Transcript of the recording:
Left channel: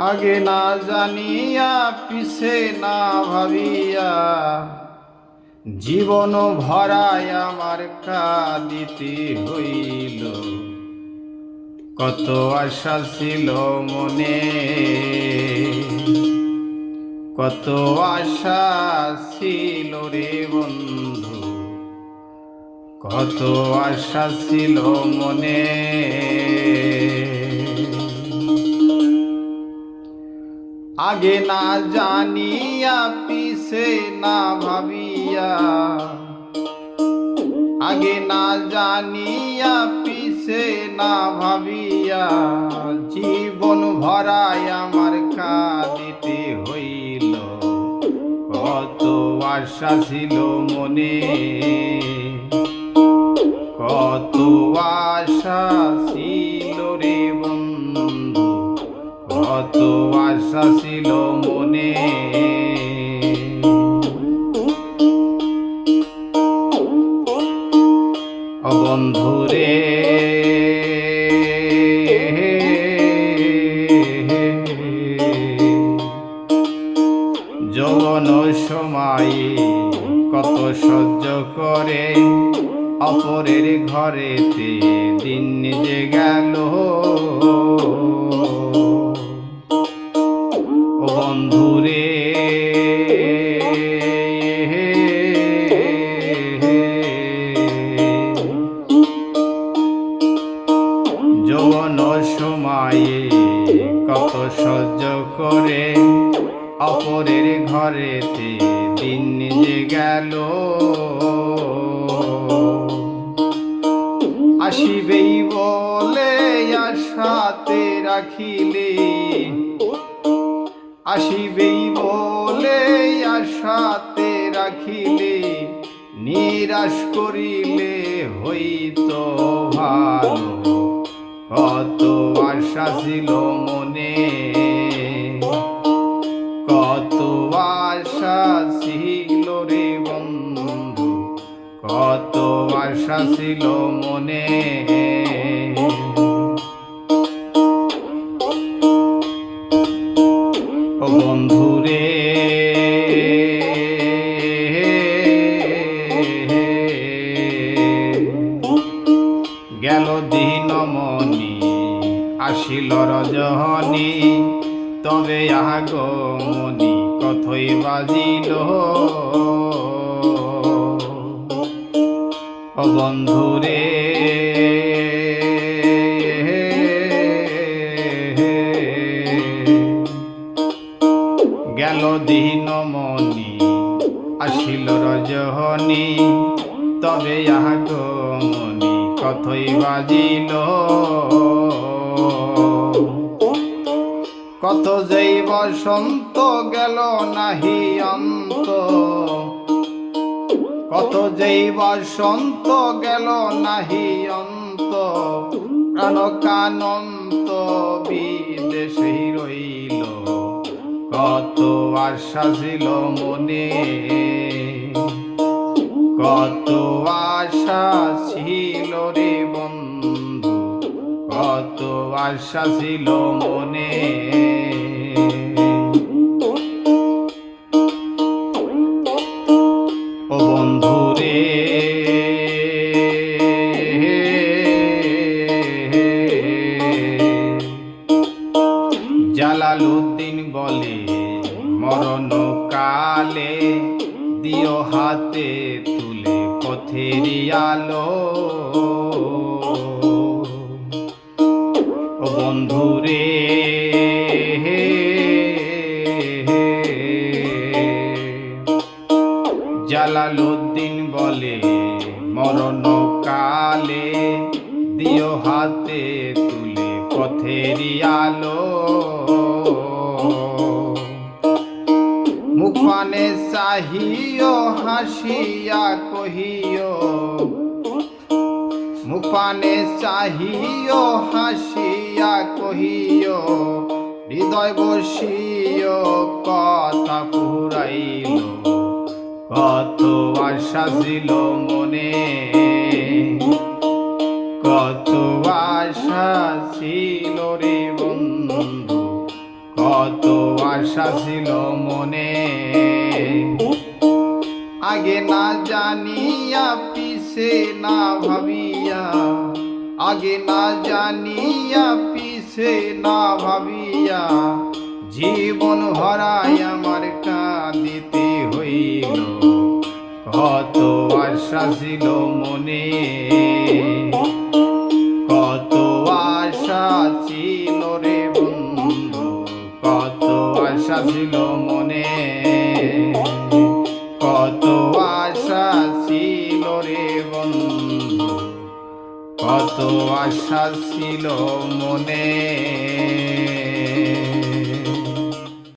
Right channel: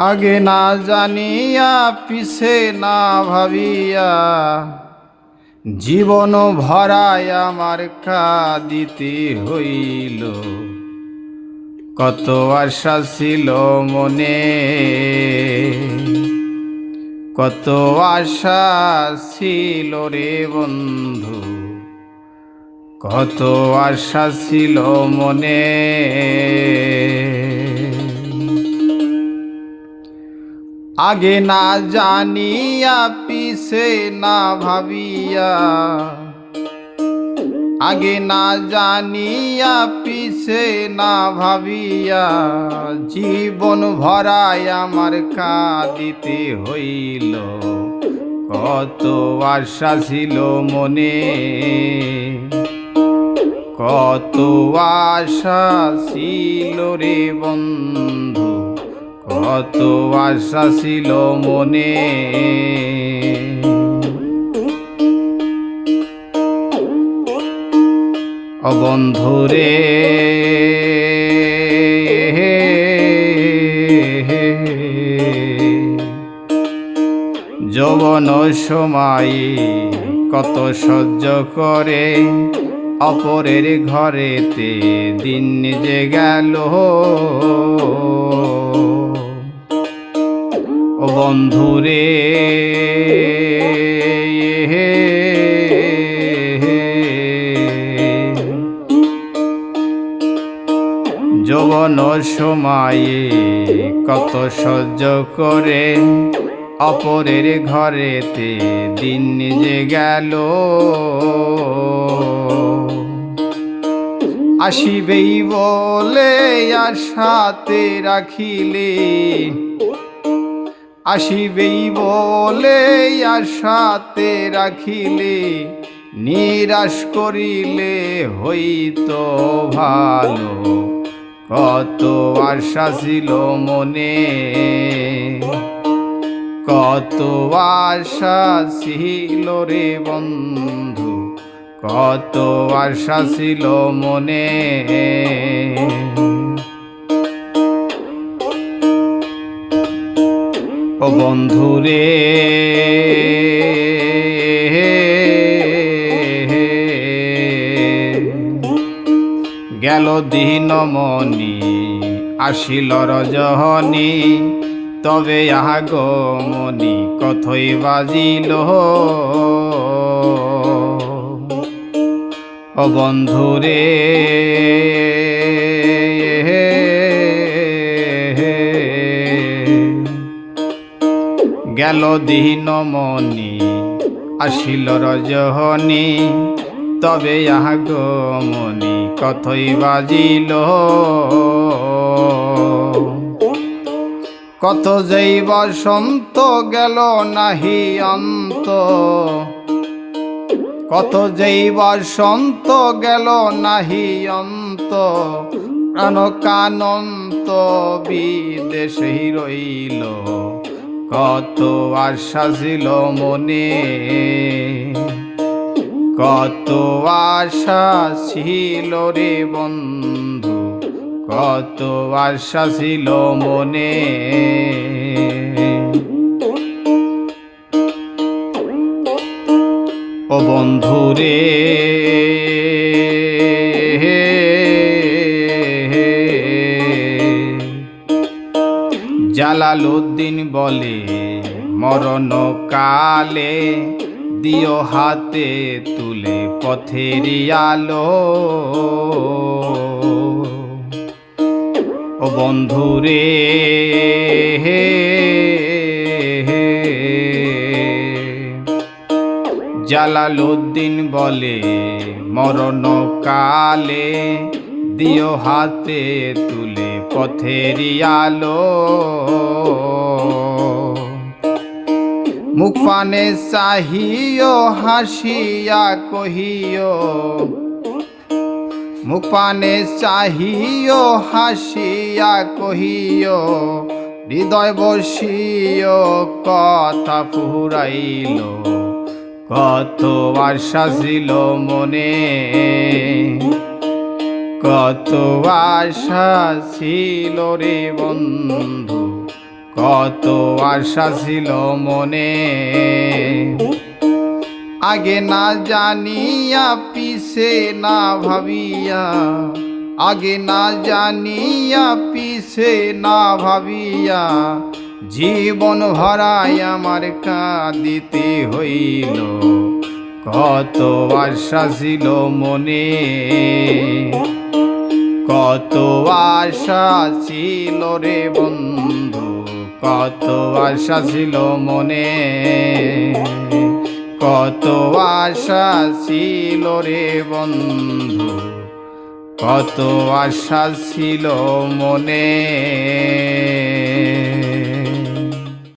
আগে না জানিয়া, পিছে না ভাবিয়া, জীবন ভরায় আমার কাঁদিতে হইল। কত আশা ছিল মনে, কত আশা ছিল রে বন্ধু, কত আশা ছিল মনে। আগে না জানিয়া, পিছে না ভাবিয়া। আগে না জানিয়া, পিছে না ভাবিয়া। জীবন ভরায় আমার কাঁদিতে হইল। কত আশা ছিল মনে। কত আশা ছিল রে বন্ধু। কত আশা ছিল মনে। অবন্ধুরে যৌবন সময় কত সহ্য করে, অপরের ঘরেতে দিন নিজে গেল। সহ্য করে। অপরের ঘরেতে দিন নিজে গেল। আসিবেই বলে আশাতে রাখিলে। আসিবেই বলে আশাতে রাখিলে। নিরাশ করিলে হইতো ভালো। কত আশা ছিল মনে, কত আশা ছিল রে বন্ধু, কত আশা ছিল মনে। ও বন্ধুরে গেল আসিল রজহনি, তবে আগমনি কথই বাজিল? বন্ধুরে, গেল দিন মনি, আসিল রজহনি, তবে আগমনি কথই বাজিল? কত যেই বসন্ত গেল নাহি অন্ত। কত যেই বসন্ত গেল নাহি অন্ত। প্রাণ কানন্ত বিদেশে রইল। কত আশা ছিল মনে। কত আশা ছিল রে বন্ধু। কত আশা ছিল মনে। ও বন্ধুরে জালালুদ্দিন বলে মরণ কালে দিও হাতে তুলে পথের আলো। ও বন্ধুরে জালালুদ্দিন বলে মরণ কালে দিও হাতে তুলে পথের আলো। মুখ পানে চাহিও, হাসিয়া কহিও মুখ পানে চাহিও, হাসিয়া কহিও, হৃদয় বসিও কথা ফুরাইল, কত আশা ছিল মনে, কত আশা ছিল রে বন্ধু, কত আশা ছিল মনে। আগে না জানিয়া, পিছে না ভাবিয়া। আগে না জানিয়া, পিছে না ভাবিয়া। জীবন ভরাই আমার কাঁদিতে হইল। কত আশা ছিল মনে। কত আশা ছিল রে বন্ধু। কত আশা ছিল আশা ছিল রে বন্ধু কত আশা ছিল মনে।